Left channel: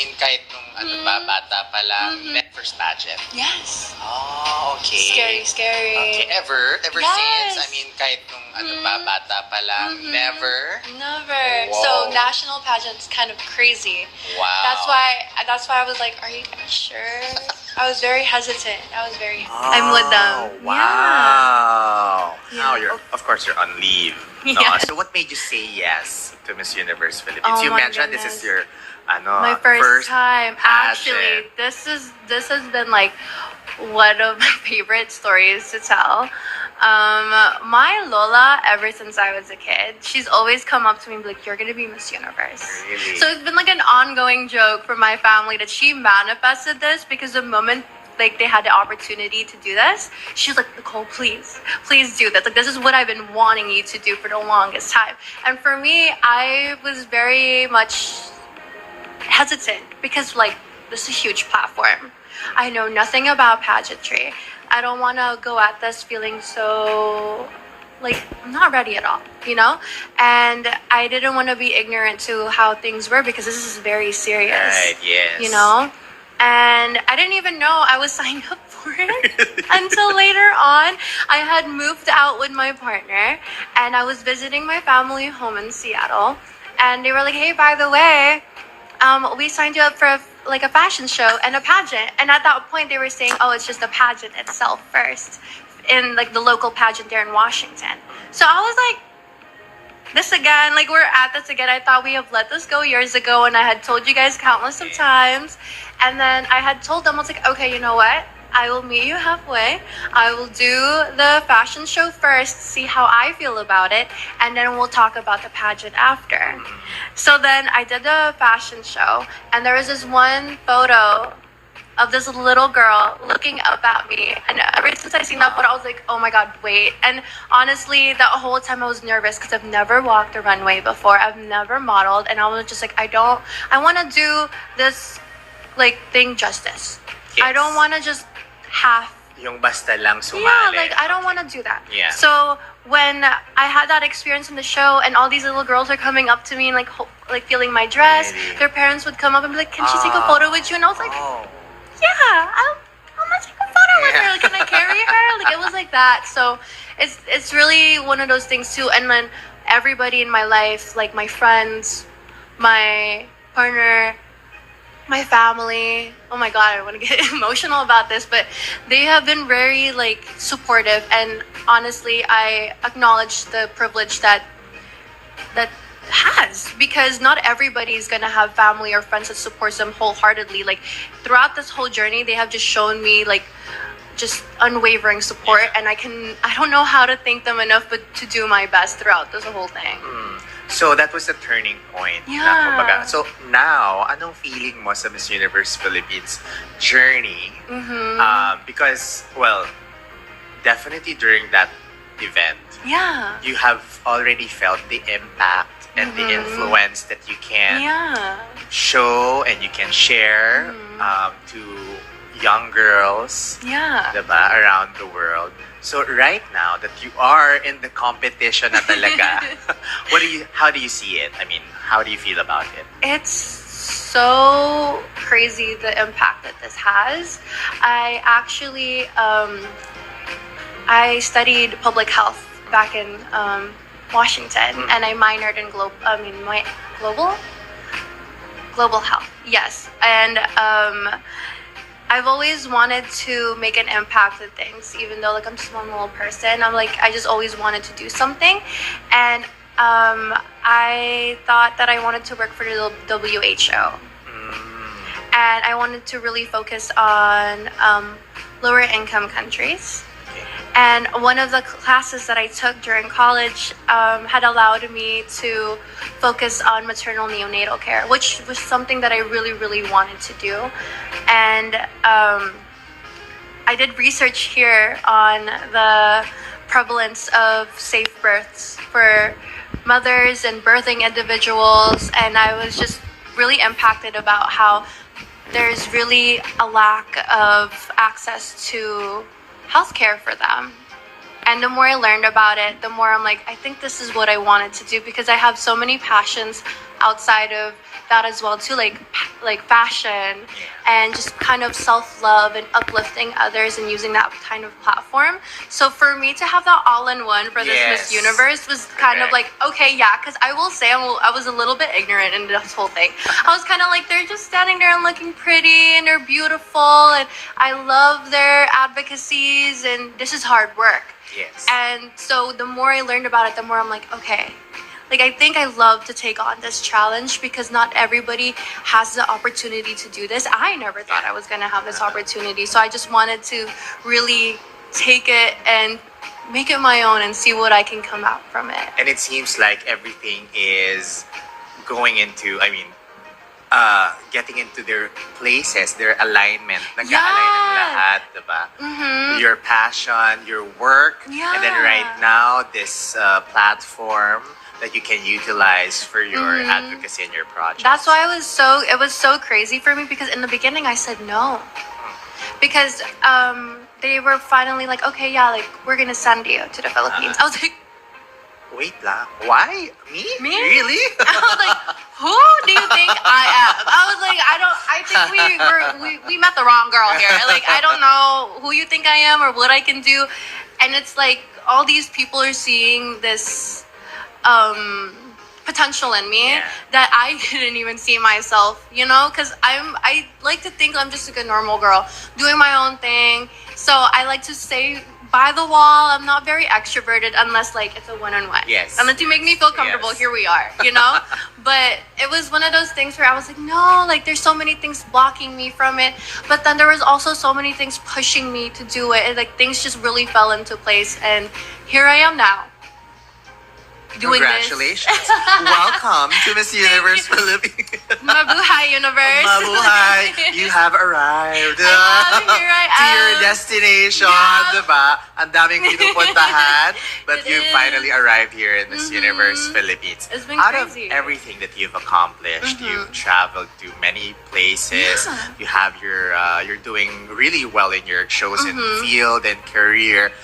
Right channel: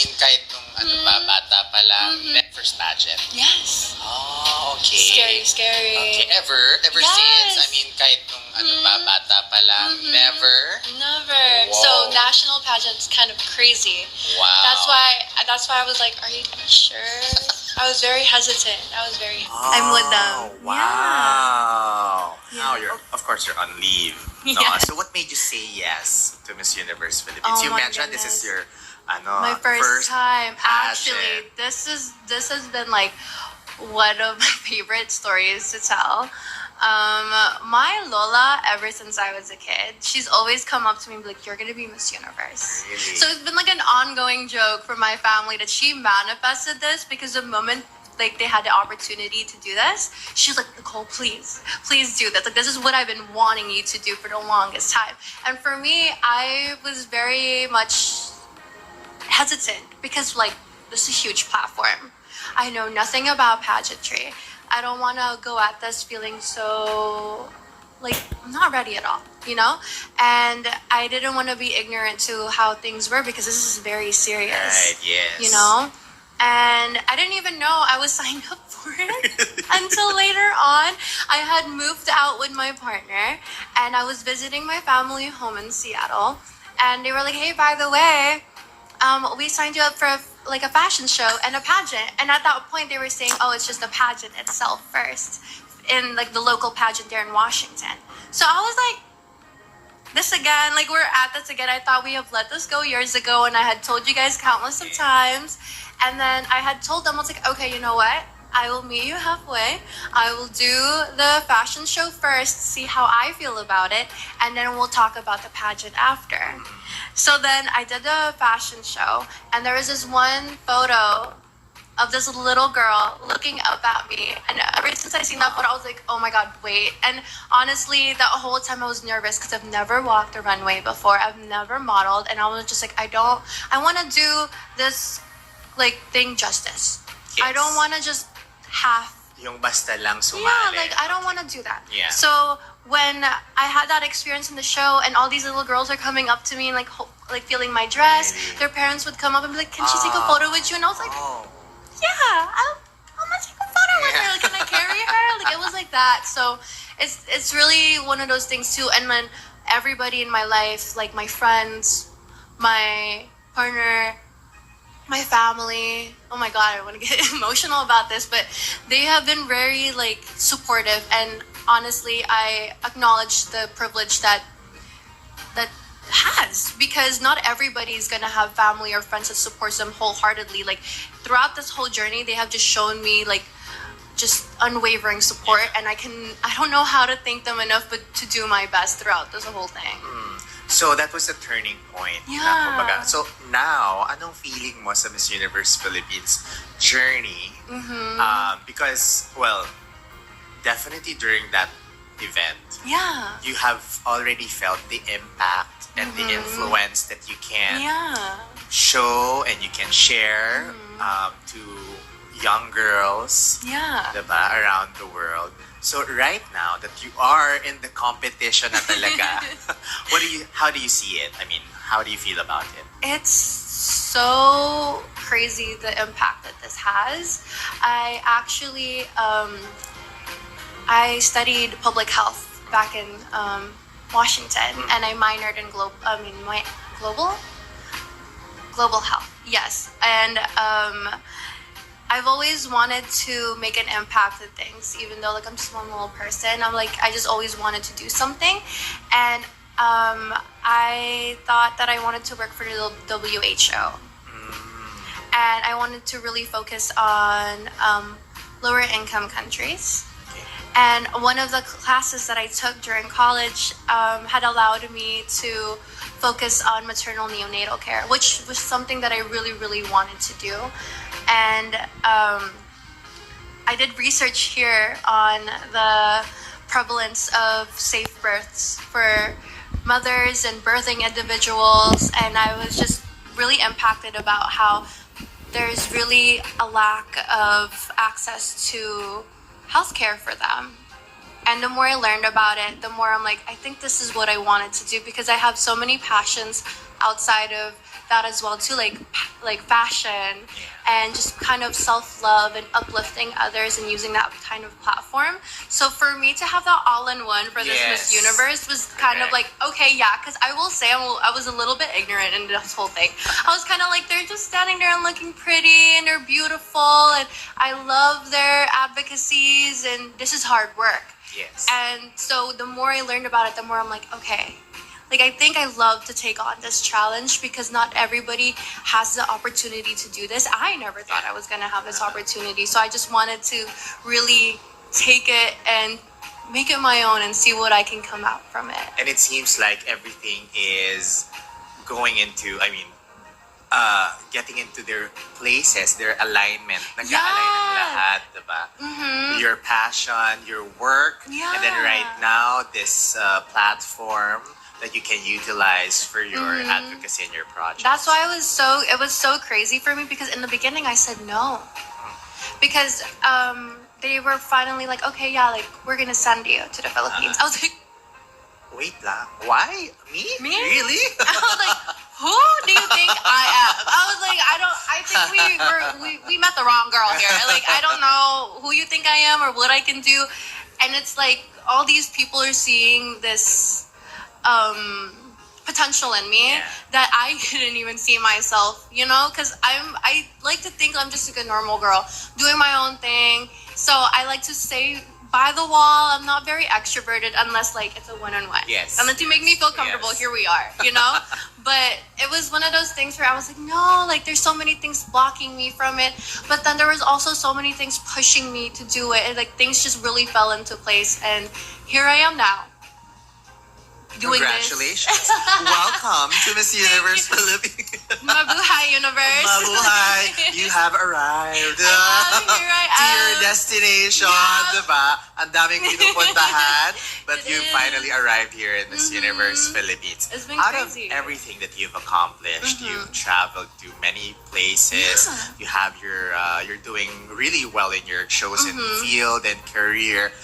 mean, kahit nung bata pa lang, first pageant. Yes. Oh, okay. Scary, scary. Okay, ever Yes. since? I mean, kahit nung bata pa lang, never? Never. Whoa. So national pageant's kind of crazy. Wow. That's why I was like, are you sure? I was very hesitant. I'm with them. Wow. Yeah. Now of course you're on leave. No? Yes. So what made you say yes to Miss Universe Philippines? Oh You my mentioned this goodness. is your My first time. pageant. Actually, this has been like one of my favorite stories to tell. My Lola, ever since I was a kid, she's always come up to me and be like, "You're gonna be Miss Universe." Really? So it's been like an ongoing joke for my family that she manifested this, because the moment like they had the opportunity to do this, she was like, "Nicole, please do this. Like, this is what I've been wanting you to do for the longest time." And for me, I was very much hesitant because like this is a huge platform. I know nothing about pageantry. I don't want to go at this feeling so like I'm not ready at all, you know? And I didn't want to be ignorant to how things were, because this is very serious. Right, yes. You know? And I didn't even know I was signed up for it until later on. I had moved out with my partner and I was visiting my family home in Seattle. And they were like, "Hey, by the way, we signed you up for a fashion show and a pageant." And at that point, they were saying, "Oh, it's just the pageant itself first," in like the local pageant there in Washington. So I was like, this again, like we're at this again. I thought we have let this go years ago, and I had told you guys countless of times. And then I had told them, I was like, "Okay, you know what? I will meet you halfway. I will do the fashion show first, see how I feel about it, and then we'll talk about the pageant after." So then I did the fashion show, and there was this one photo of this little girl looking up at me. And ever since I seen that photo, I was like, "Oh my God, wait." And honestly, that whole time I was nervous because I've never walked a runway before. I've never modeled. And I was just like, I want to do this like thing justice. Yes. I don't want to just half. Yung basta lang sumali. Yeah, like I don't want to do that. Yeah. So when I had that experience in the show, and all these little girls are coming up to me and like feeling my dress, Really? their parents would come up and be like, "Can she take a photo with you?" And I was like, Oh. "Yeah, I'm gonna take a photo with her. Like, can I carry her?" Like it was like that. So it's really one of those things too. And then everybody in my life, like my friends, my partner, my family, oh my God, I want to get emotional about this, but they have been very like supportive, and honestly I acknowledge the privilege that has, because not everybody is going to have family or friends that supports them wholeheartedly. Like throughout this whole journey, they have just shown me like just unwavering support, and I don't know how to thank them enough, but to do my best throughout this whole thing. So that was a turning point. Yeah. Na, kumbaga. So now, anong feeling mo sa Miss Universe Philippines journey? Because, well, definitely during that event, Yeah. you have already felt the impact and the influence that you can Yeah. show and you can share to young girls, Yeah. diba, around the world. So right now that you are in the competition na talaga, how do you see it? I mean, how do you feel about it? It's so crazy the impact that this has. I actually I studied public health back in Washington, and I minored in global health. Yes, and I've always wanted to make an impact with things, even though like I'm just one little person. I just always wanted to do something, and I thought that I wanted to work for the WHO, and I wanted to really focus on lower income countries. And one of the classes that I took during college had allowed me to focus on maternal neonatal care, which was something that I really, really wanted to do. And I did research here on the prevalence of safe births for mothers and birthing individuals, and I was just really impacted about how there's really a lack of access to healthcare for them. And the more I learned about it, the more I'm like, I think this is what I wanted to do, because I have so many passions outside of that as well too, like fashion and just kind of self-love and uplifting others and using that kind of platform. So for me to have that all-in-one for this Miss Universe was kind of like, okay, yeah, because I will say I was a little bit ignorant in this whole thing. I was kind of like, they're just standing there and looking pretty and they're beautiful and I love their advocacies and this is hard work. Yes. And so the more I learned about it, the more I'm like, okay, like I think I love to take on this challenge because not everybody has the opportunity to do this. I never thought I was going to have this opportunity. So I just wanted to really take it and make it my own and see what I can come out from it. And it seems like everything is going into, getting into their places, their alignment. Nag-a-align ng lahat, diba? Your passion, your work, and then right now, this platform that you can utilize for your advocacy and your project. That's why it was so crazy for me because in the beginning I said no. Because they were finally like, okay, yeah, like we're gonna send you to the Philippines. I was like, wait lang, why? Me? Really? I was like, who do you think I am? I was like, I think we met the wrong girl here. Like, I don't know who you think I am or what I can do. And it's like, all these people are seeing this potential in me that I didn't even see myself, you know? Because I like to think I'm just like a normal girl doing my own thing. So I like to say by the wall. I'm not very extroverted unless like it's a one-on-one. Yes. Unless you make me feel comfortable, Yes. Here we are, you know? But it was one of those things where I was like, no, like there's so many things blocking me from it. But then there was also so many things pushing me to do it. And like things just really fell into place. And here I am now. Doing Congratulations. this. Welcome to Miss Universe Philippines. Mabuhay Universe. Mabuhay. You have arrived. Here I To am. your destination, Yeah. diba? Ang daming pinupuntahan, but It you is. finally arrived here in Miss Universe Philippines. It's been Out crazy. of everything that you've accomplished, you've traveled to many places. Yeah. You have you're doing really well in your chosen field and career.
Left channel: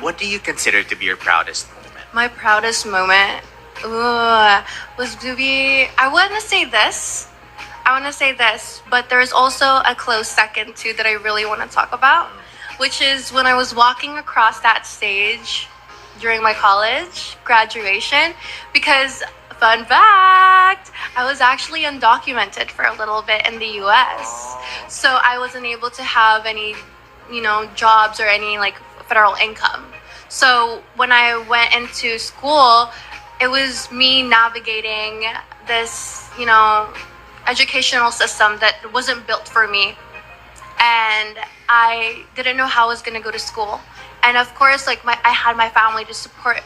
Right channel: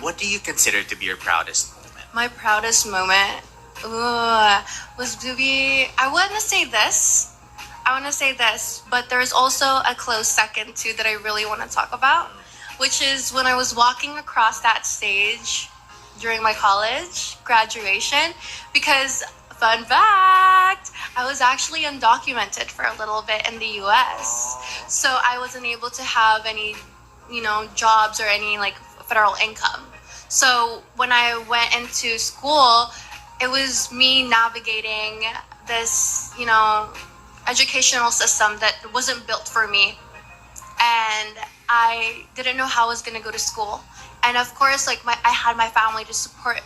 What do you consider to be your proudest moment? My proudest moment was to be, I want to say this, but there's also a close second too that I really want to talk about, which is when I was walking across that stage during my college graduation, because fun fact, I was actually undocumented for a little bit in the US. So I wasn't able to have any, jobs or any like federal income. So when I went into school, it was me navigating this, educational system that wasn't built for me. And I didn't know how I was going to go to school. And of course, like I had my family to support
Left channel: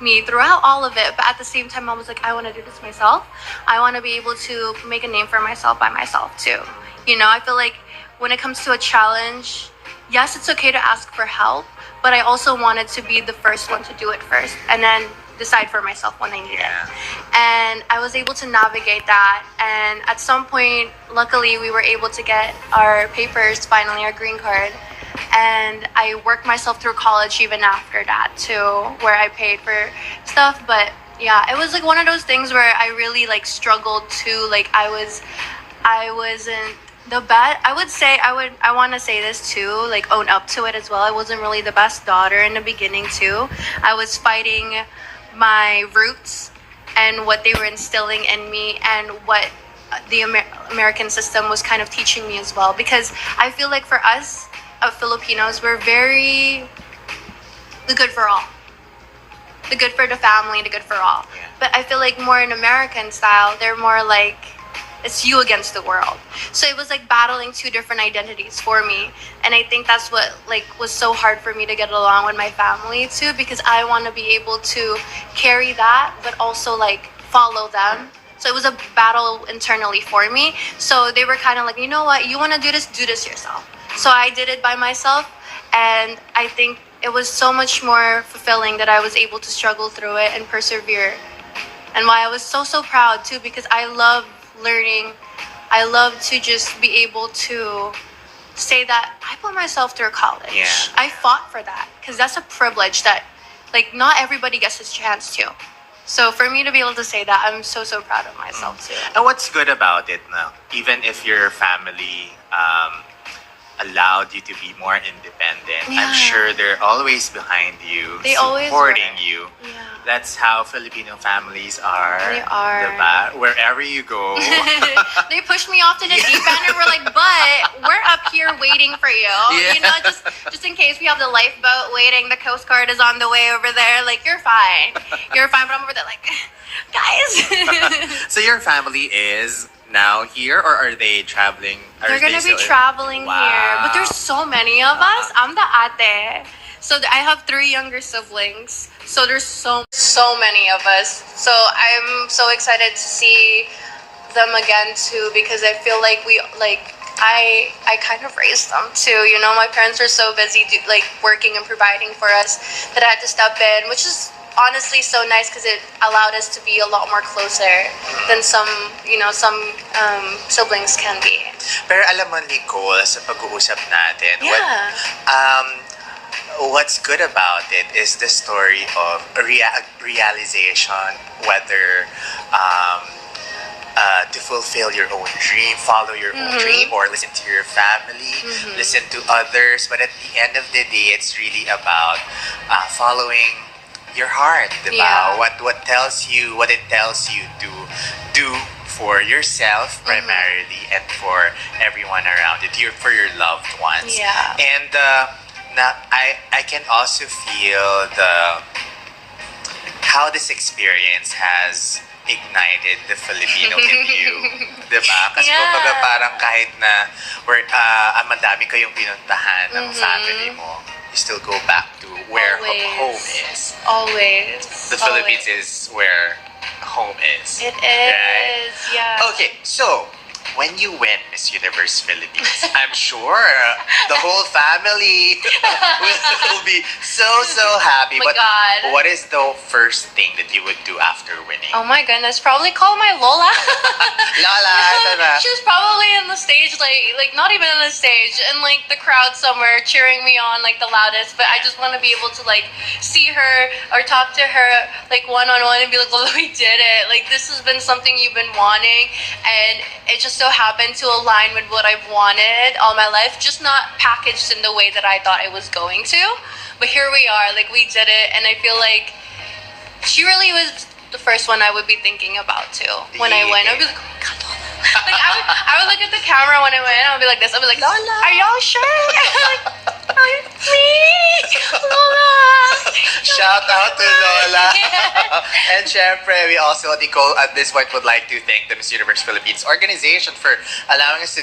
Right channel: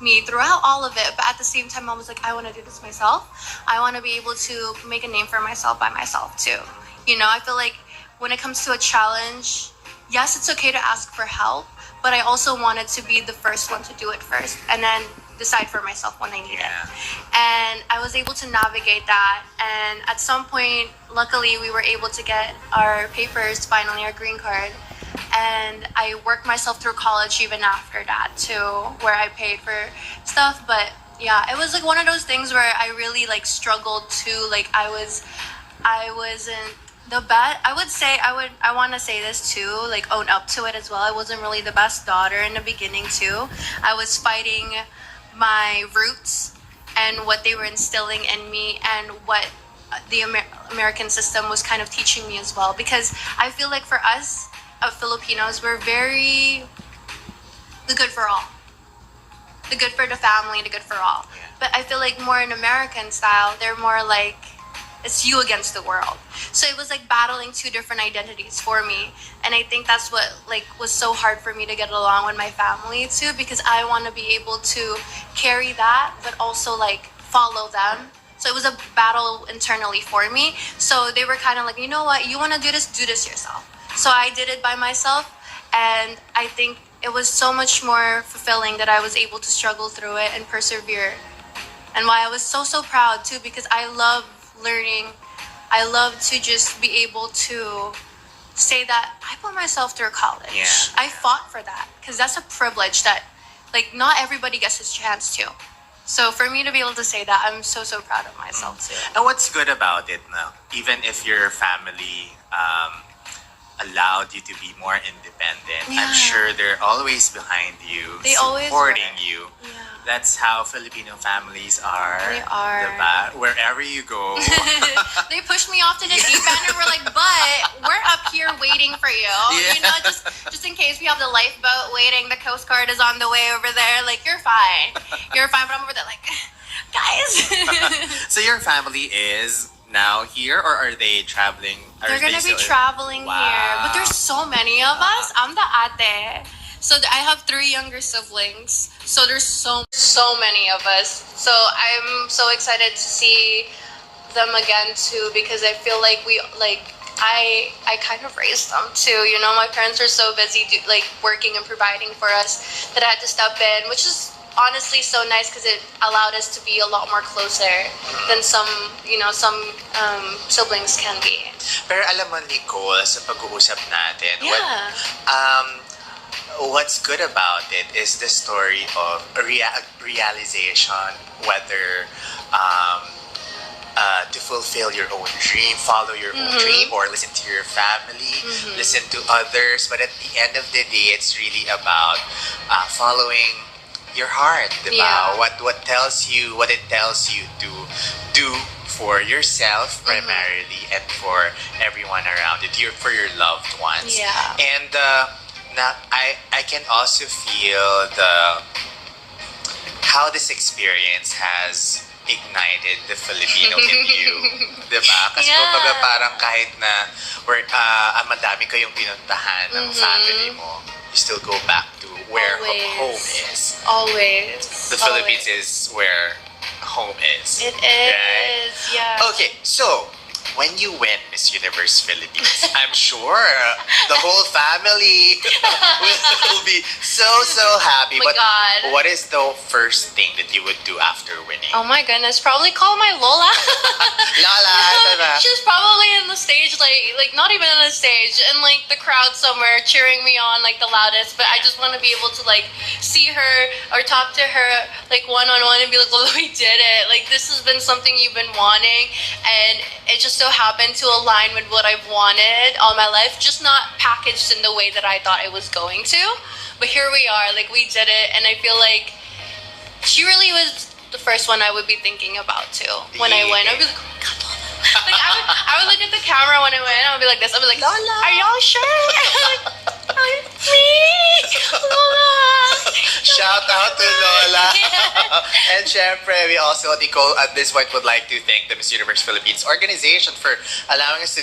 me throughout all of it. But at the same time, I was like, I want to do this myself. I want to be able to make a name for myself by myself too. I feel like when it comes to a challenge, yes, it's okay to ask for help. But I also wanted to be the first one to do it first and then decide for myself when I need it. And I was able to navigate that. And at some point, luckily, we were able to get our papers, finally, our green card. And I worked myself through college even after that, too, where I paid for stuff. But yeah, it was like one of those things where I really like struggled too. Like I wasn't the best. I want to say this too, like own up to it as well. I wasn't really the best daughter in the beginning too. I was fighting my roots and what they were instilling in me and what the American system was kind of teaching me as well. Because I feel like for us Filipinos, we're very the good for all. The good for the family, the good for all. But I feel like more in American style, they're more like, it's you against the world. So it was like battling two different identities for me. And I think that's what like was so hard for me to get along with my family too, because I want to be able to carry that, but also like follow them. So it was a battle internally for me. So they were kind of like, you know what, you want to do this yourself. So I did it by myself. And I think it was so much more fulfilling that I was able to struggle through it and persevere. And why I was so proud too, because I love learning. I love to just be able to say that I put myself through college. I fought for that because that's a privilege that like not everybody gets this chance to. So for me to be able to say that, I'm so proud of myself too. And what's good about it now, even if your family allowed you to be more independent, I'm Yeah. sure they're always behind you, They always supporting were. you. Yeah. That's how Filipino families are. They are. Diba? Wherever you go. They pushed me off to the deep end and we're like, but we're up here waiting for you. Yeah. You know, just in case we have the lifeboat waiting, the Coast Guard is on the way over there. Like, you're fine. You're fine. But I'm over there like, guys. So your family is now here, or are they traveling? They're going to be traveling Wow. here. But there's so many of us. I'm the ate. So I have 3 younger siblings. So there's so many of us. So I'm so excited to see them again too, because I feel like I kind of raised them too. You know, my parents are so busy working and providing for us that I had to step in, which is honestly so nice because it allowed us to be a lot more closer than some siblings can be. Pero alam mo, Nicole, sa pag-uusap natin, Yeah. what's good about it is the story of a realization, whether to fulfill your own dream, follow your own dream, or listen to your family, listen to others. But at the end of the day, it's really about following your heart, diba? Yeah. What it tells you to do for yourself primarily, and for everyone around you, for your loved ones. Yeah. And now I can also feel how this experience has ignited the Filipino in you, diba? Kasi Yeah. kumbaga parang kahit na madami kayong pinuntahan ng family mo, you still go back to where Always. home is. Always. The Philippines is where home is. It is. Right? Yeah. Okay, so when you win Miss Universe Philippines, I'm sure the whole family will be so happy. Oh my But God. what is the first thing that you would do after winning? Oh my goodness, probably call my Lola. Lala, ito na. She's probably in the stage, like not even on the stage, in like the crowd somewhere cheering me on like the loudest. But I just want to be able to like see her or talk to her like one-on-one and be like, Lola, we did it. Like, this has been something you've been wanting, and it just so happened to align with what I've wanted all my life, just not packaged in the way that I thought it was going to. But here we are, like, we did it, and I feel like she really was the first one I would be thinking about too. When I win, I'd be like, oh my God, Lola. Like, I would look at the camera when I win, I would be like this, I'd be like, Lola, are y'all sure? Like, please, Lola. Shout out to Lola. Yeah. And syempre, we also, Nicole, at this point would like to thank the Miss Universe Philippines organization for allowing us to do